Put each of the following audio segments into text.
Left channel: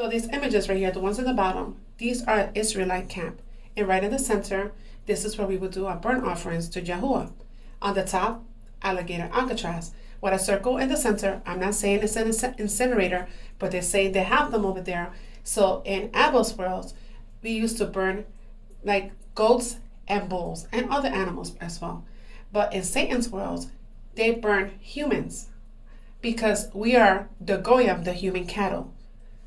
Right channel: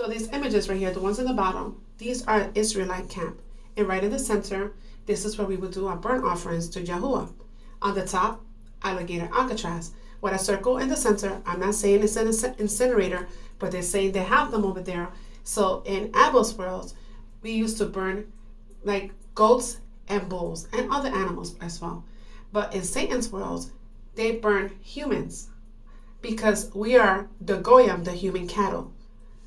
So these images right here, the ones in the bottom, these are Israelite camp. And right in the center, this is where we would do our burnt offerings to Yahuwah. On the top, alligator Alcatraz. With a circle in the center, I'm not saying it's an incinerator, but they're saying they have them over there. So in Abel's world, we used to burn like goats and bulls and other animals as well. But in Satan's world, they burn humans because we are the Goyim, the human cattle.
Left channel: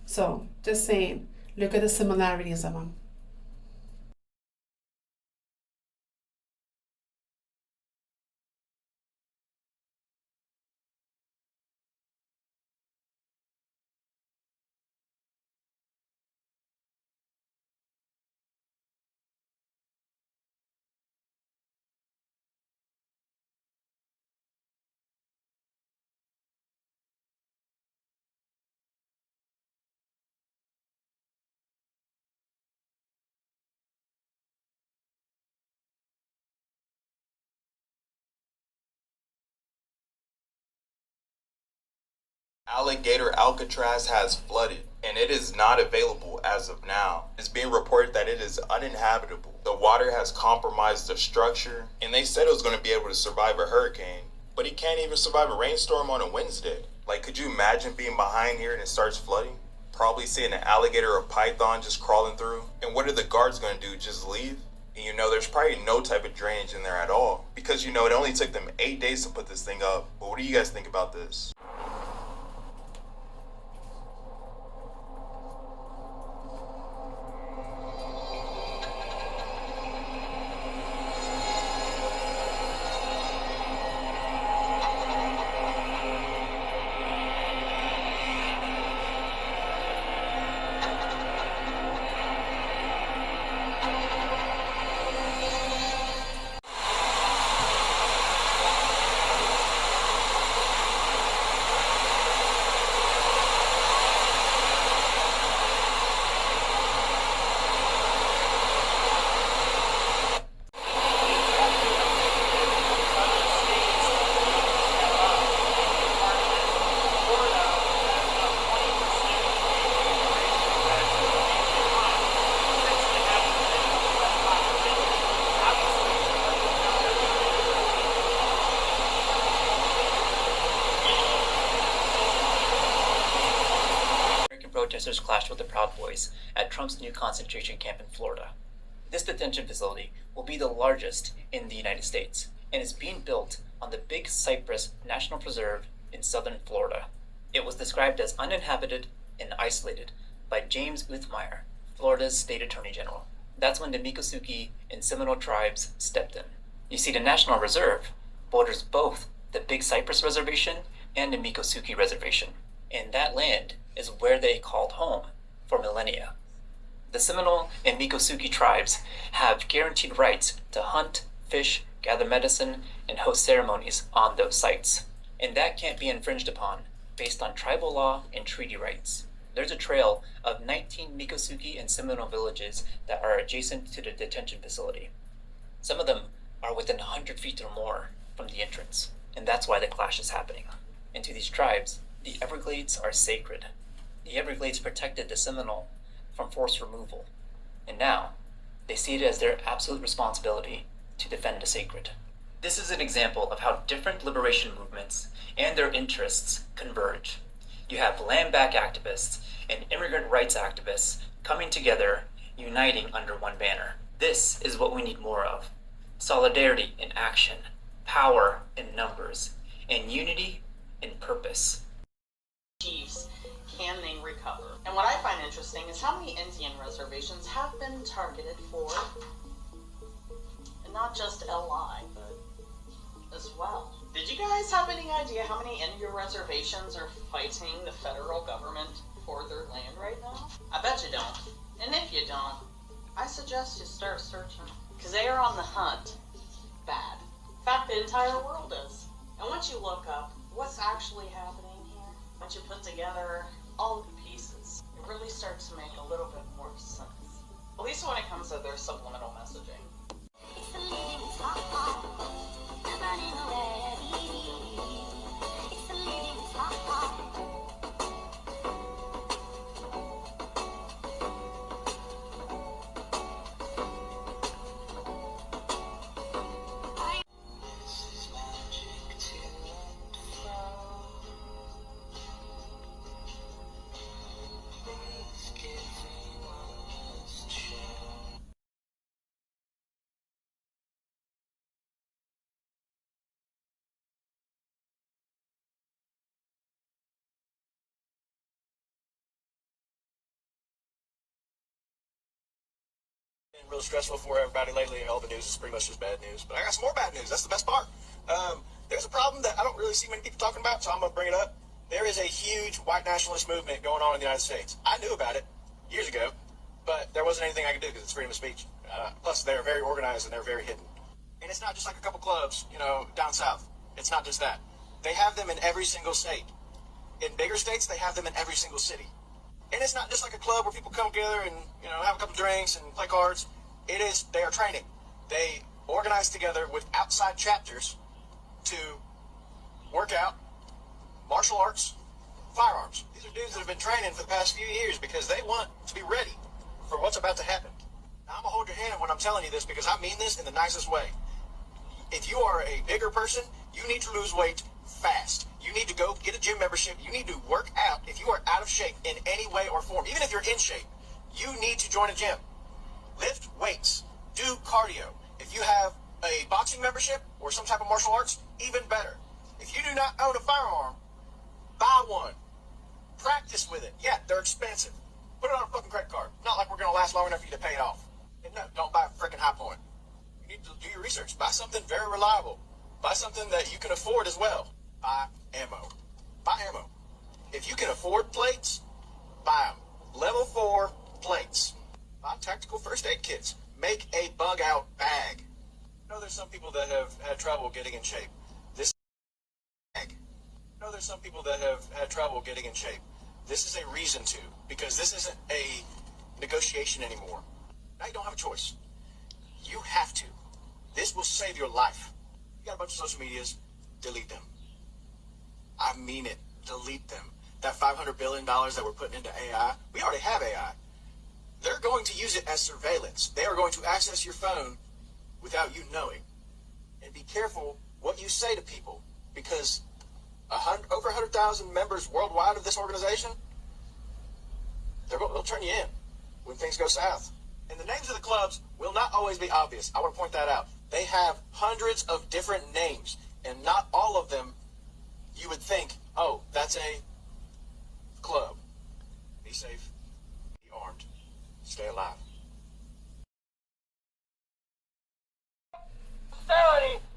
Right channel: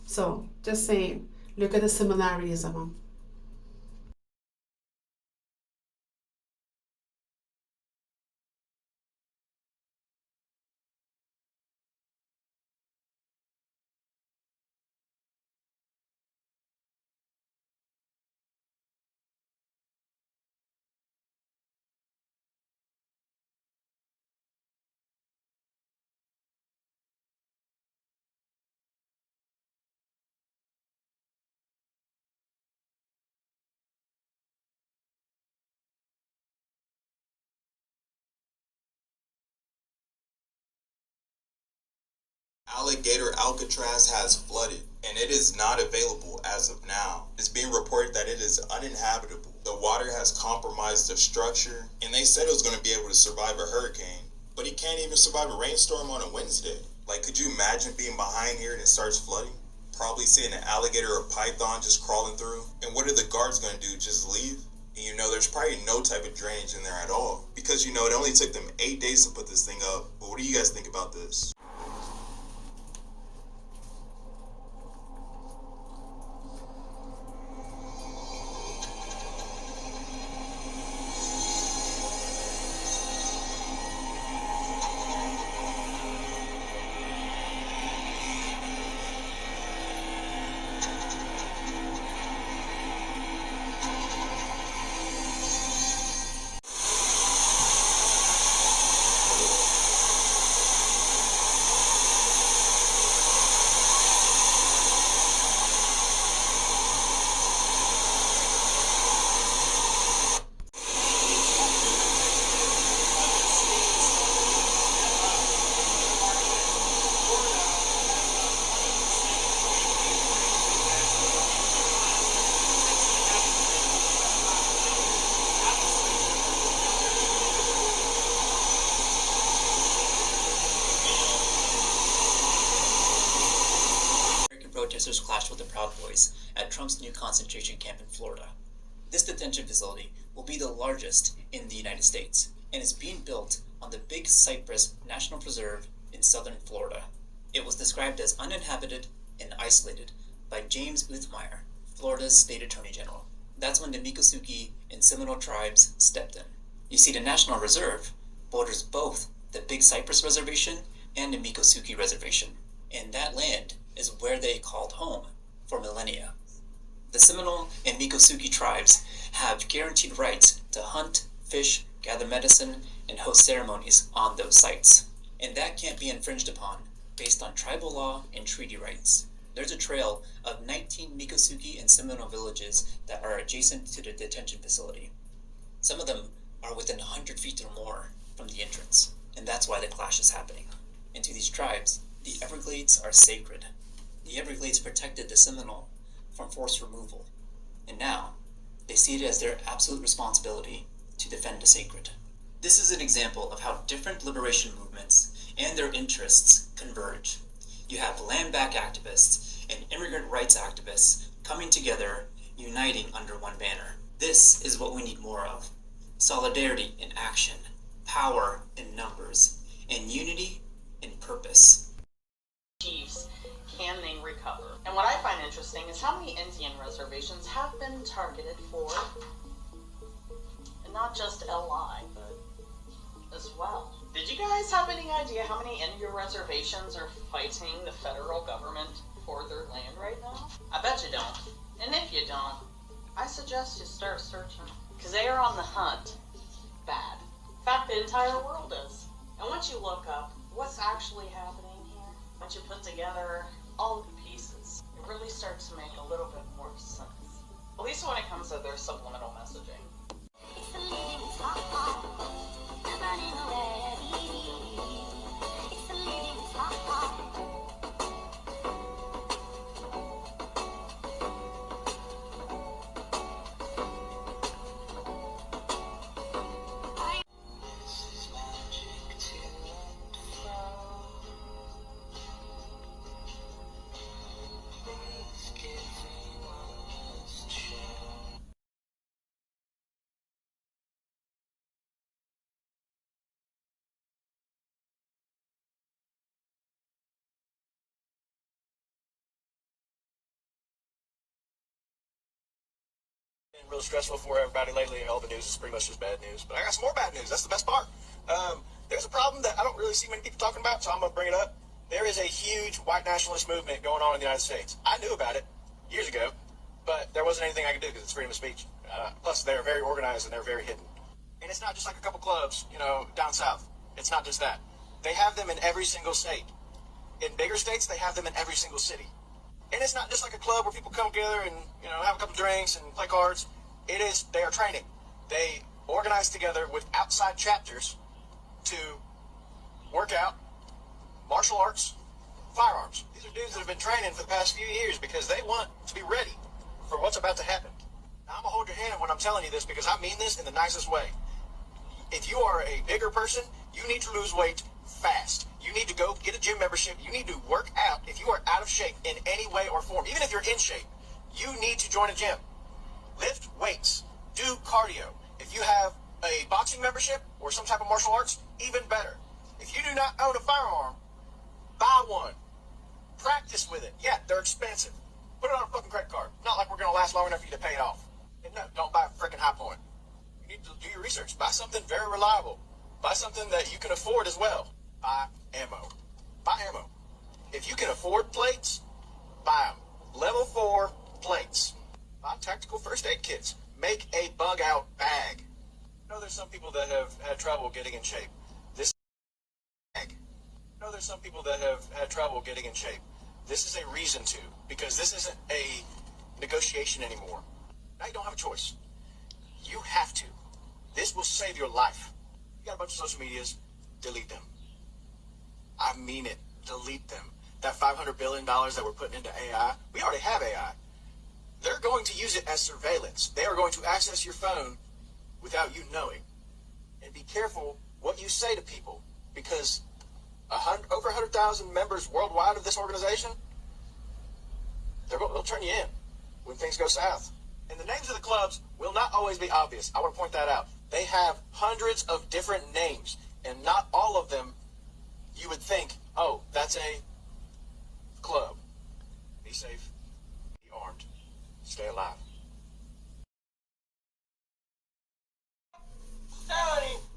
So just saying, look at the similarities of them. Alligator Alcatraz has flooded, and it is not available as of now. It's being reported that it is uninhabitable. The water has compromised the structure, and they said it was going to be able to survive a hurricane, but it can't even survive a rainstorm on a Wednesday. Like, could you imagine being behind here and it starts flooding? Probably seeing an alligator or python just crawling through. And what are the guards going to do? Just leave? And there's probably no type of drainage in there at all. Because it only took them 8 days to put this thing up. But what do you guys think about this? Protesters clashed with the Proud Boys at Trump's new concentration camp in Florida. This detention facility will be the largest in the United States and is being built on the Big Cypress National Preserve in southern Florida. It was described as uninhabited and isolated by James Uthmeier, Florida's state attorney general. That's when the Miccosukee and Seminole tribes stepped in. You see, the National Reserve borders both the Big Cypress Reservation and the Miccosukee Reservation, and that land is where they called home for millennia. The Seminole and Miccosukee tribes have guaranteed rights to hunt, fish, gather medicine, and host ceremonies on those sites. And that can't be infringed upon based on tribal law and treaty rights. There's a trail of 19 Miccosukee and Seminole villages that are adjacent to the detention facility. Some of them are within 100 feet or more from the entrance, and that's why the clash is happening. And to these tribes, the Everglades are sacred. The Everglades protected the Seminole from forced removal, and now they see it as their absolute responsibility to defend the sacred. This is an example of how different liberation movements and their interests converge. You have land back activists and immigrant rights activists coming together, uniting under one banner. This is what we need more of. Solidarity in action, power in numbers, and unity in purpose. Chiefs, can they recover? And what I find interesting is how many Indian reservations have been targeted for, and not just LI, but as well. Did you guys have any idea how many Indian reservations are fighting the federal government for their land right now? I bet you don't. And if you don't, I suggest you start searching, because they are on the hunt bad. In fact, the entire world is. And once you look up what's actually happening here, once you put together all of the pieces, it really starts to make a little bit more sense. At least when it comes to their subliminal messaging. been real stressful for everybody lately. All the news is pretty much just bad news. But I got some more bad news. That's the best part. There's a problem that I don't really see many people talking about, so I'm going to bring it up. There is a huge white nationalist movement going on in the United States. I knew about it years ago, but there wasn't anything I could do because it's freedom of speech. Plus, they're very organized and they're very hidden. And it's not just like a couple clubs, down south. It's not just that. They have them in every single state. In bigger states, they have them in every single city. And it's not just like a club where people come together and, have a couple drinks and play cards. They are training. They organize together with outside chapters to work out martial arts, firearms. These are dudes that have been training for the past few years because they want to be ready for what's about to happen. Now, I'm going to hold your hand when I'm telling you this because I mean this in the nicest way. If you are a bigger person, you need to lose weight fast. You need to go get a gym membership. You need to work out. If you are out of shape in any way or form, even if you're in shape, you need to join a gym. Lift weights. Do cardio. If you have a boxing membership or some type of martial arts, even better. If you do not own a firearm, buy one. Practice with it. Yeah, they're expensive. Put it on a fucking credit card. Not like we're going to last long enough for you to pay it off. And no, don't buy a freaking High Point. You need to do your research. Buy something very reliable. Buy something that you can afford as well. Buy ammo. Buy ammo. If you can afford plates, buy them. Level 4 plates. Buy tactical first aid kits. Make a bug out bag. I know there's some people that have had trouble getting in shape. This bag. I know there's some people that have had trouble getting in shape. This is a reason to, because this isn't a negotiation anymore. Now you don't have a choice. You have to. This will save your life. You got a bunch of social medias, delete them. I mean it. Delete them. That $500 billion that we're putting into AI, we already have AI. They're going to use it as surveillance. They are going to access your phone without you knowing. And be careful what you say to people, because over 100,000 members worldwide of this organization, they'll turn you in when things go south. And the names of the clubs will not always be obvious. I want to point that out. They have hundreds of different names, and not all of them you would think, oh, that's a club. Be safe, be armed, stay alive.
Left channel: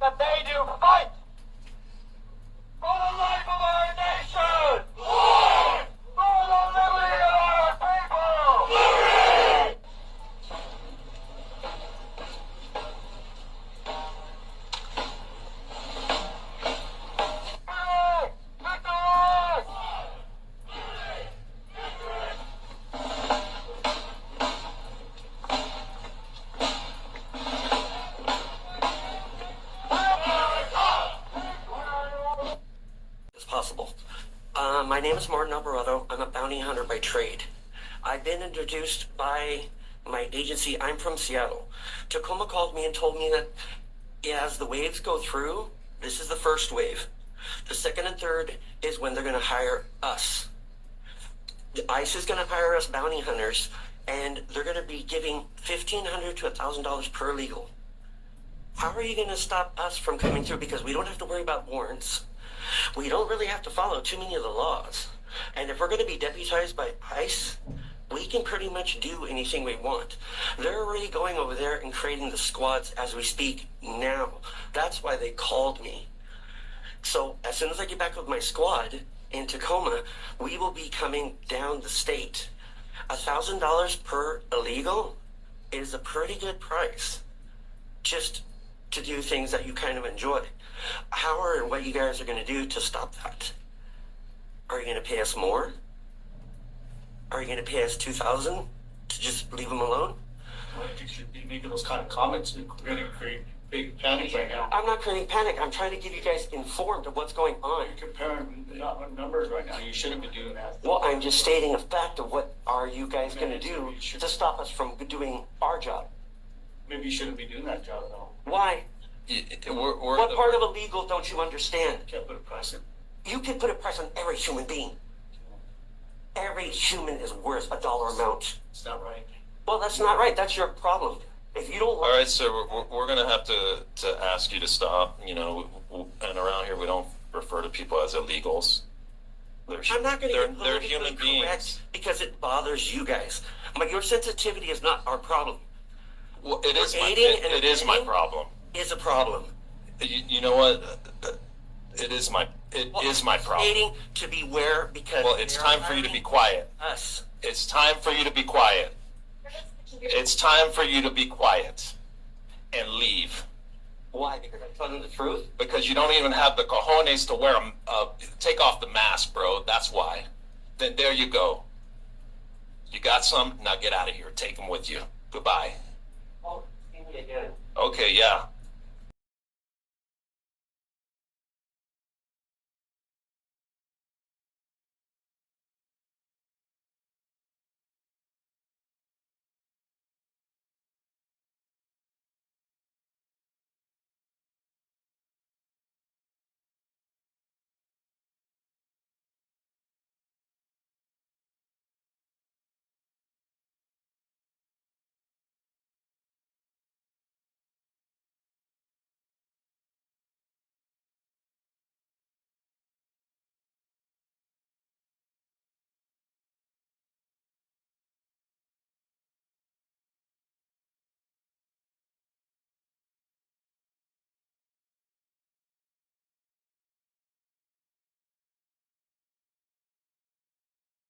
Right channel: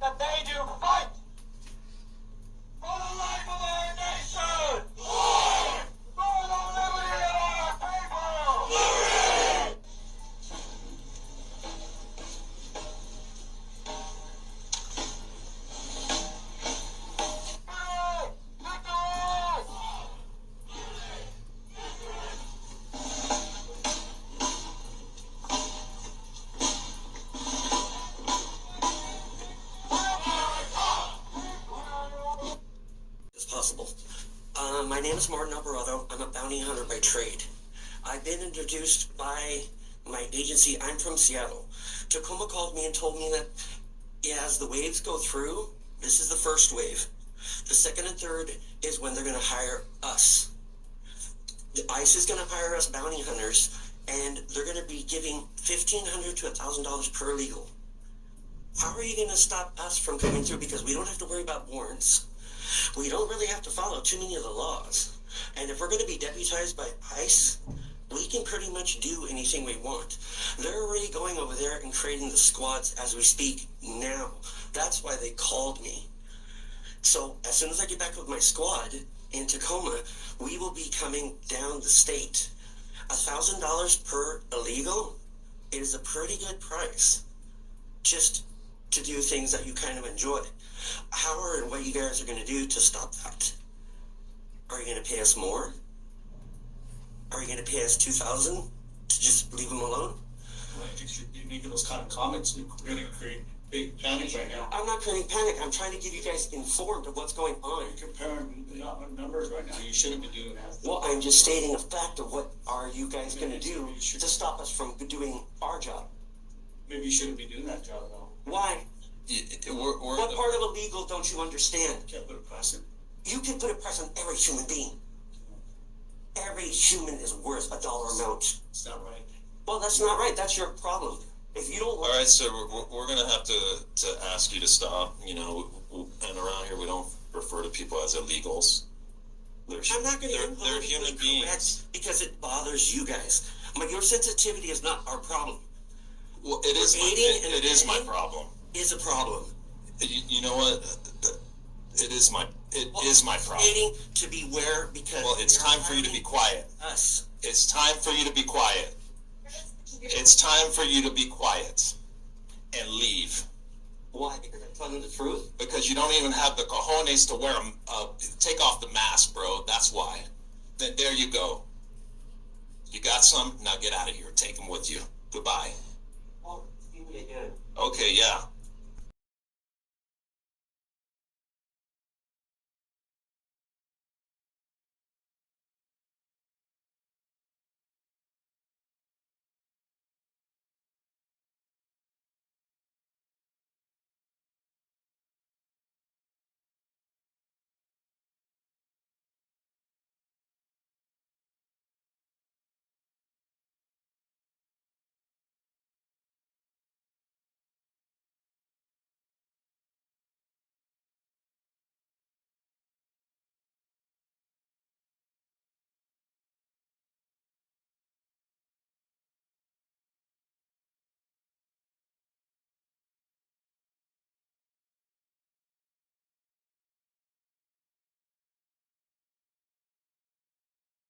That they do fight for the life of our nation! For the liberty of our people! Liberty! Possible. My name is Martin Alvarado. I'm a bounty hunter by trade. I've been introduced by my agency. I'm from Seattle. Tacoma called me and told me that as the waves go through, this is the first wave. The second and third is when they're going to hire us. The ICE is going to hire us bounty hunters, and they're going to be giving $1,500 to $1,000 per illegal. How are you going to stop us from coming through? Because we don't have to worry about warrants. We don't really have to follow too many of the laws. And if we're going to be deputized by ICE, we can pretty much do anything we want. They're already going over there and creating the squads as we speak now. That's why they called me. So as soon as I get back with my squad in Tacoma, we will be coming down the state. $1,000 per illegal is a pretty good price just to do things that you kind of enjoy. How and what you guys are going to do to stop that? Are you going to pay us more? Are you going to pay us $2,000 to just leave them alone? Well, you should be making those kind of comments. You're going to create big panic right now. I'm not creating panic. I'm trying to get you guys informed of what's going on. You're comparing numbers right now. You shouldn't be doing that. Well, I'm just stating a fact of what are you guys going to do to stop us from doing our job. Maybe you shouldn't be doing that job at all. Why? What part of illegal don't you understand? You can't put a price in. You can put a price on every human being. Every human is worth $1 amount. It's not right. Well, that's not right. That's your problem. If you don't. All right, sir. We're going to have to ask you to stop. And around here we don't refer to people as illegals. I'm not going to get they're human beings because it bothers you guys. But your sensitivity is not our problem. Well, it is my, Aiding and it is my abetting problem. is a problem. You know what? It is my problem. Aiding to beware because Well, it's they're time for you to be hiring quiet. us. It's time for you to be quiet. It's time for you to be quiet and leave. Why? Because I'm telling the truth. Because you don't even have the cojones to wear take off the mask, bro. That's why. Then there you go. You got some? Now get out of here. Take them with you. Goodbye. Oh, see me again. Okay, yeah.